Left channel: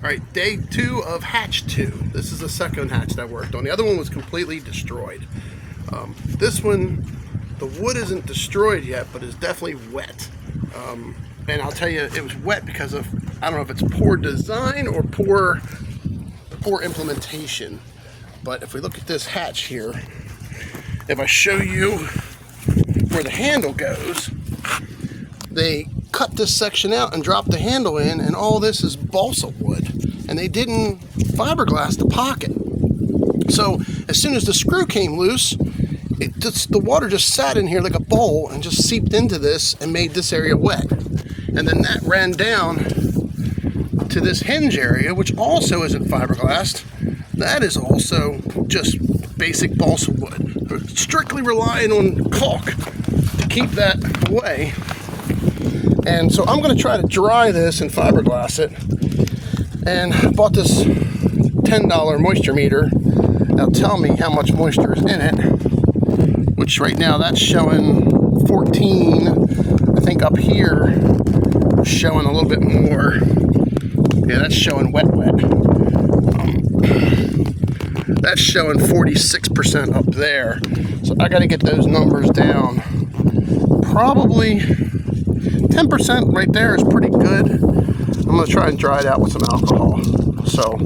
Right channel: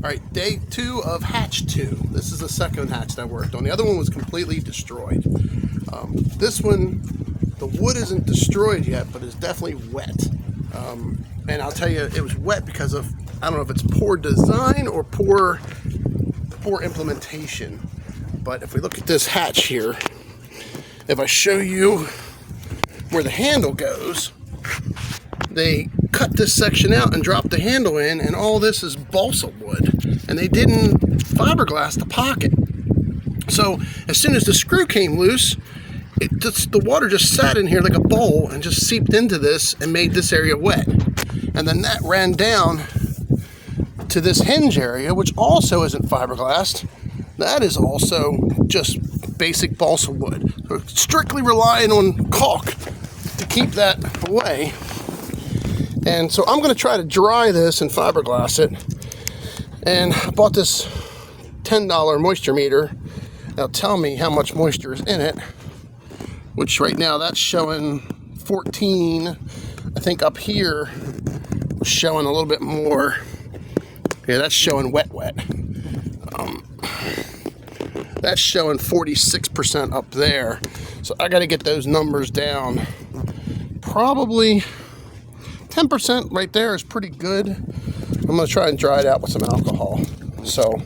All right, day 2 of hatch 2. This is the second hatch that I worked on. The other one was completely destroyed. This one, the wood isn't destroyed yet, but it's definitely wet. And I'll tell you, it was wet because of, I don't know if it's poor design or poor implementation. But if we look at this hatch here, if I show you where the handle goes, they cut this section out and dropped the handle in, and all this is balsa wood, and they didn't fiberglass the pocket. So as soon as the screw came loose, the water just sat in here like a bowl and just seeped into this and made this area wet. And then that ran down to this hinge area, which also isn't fiberglassed. That is also just basic balsa wood. We're strictly relying on caulk to keep that away. And so I'm going to try to dry this and fiberglass it. And I bought this $10 moisture meter. It'll tell me how much moisture is in it, which right now that's showing 14. I think up here is showing a little bit more. Yeah, that's showing wet. That's showing 46% up there. So I got to get those numbers down. Probably 10% right there is pretty good. I'm going to try and dry it out with some alcohol. So,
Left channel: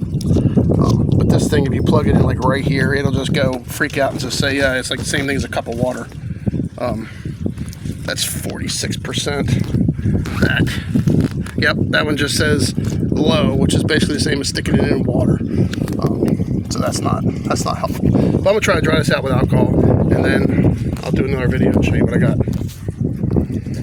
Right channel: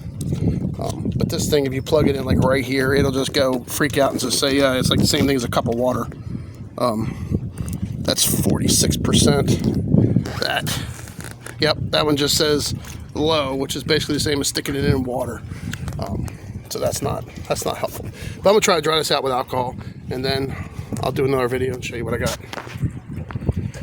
but this thing, if you plug it in like right here, it'll just go freak out and just say, yeah, it's like the same thing as a cup of water. That's 46%. Yep, that one just says low, which is basically the same as sticking it in water. So that's not helpful. But I'm going to try to dry this out with alcohol, and then I'll do another video and show you what I got.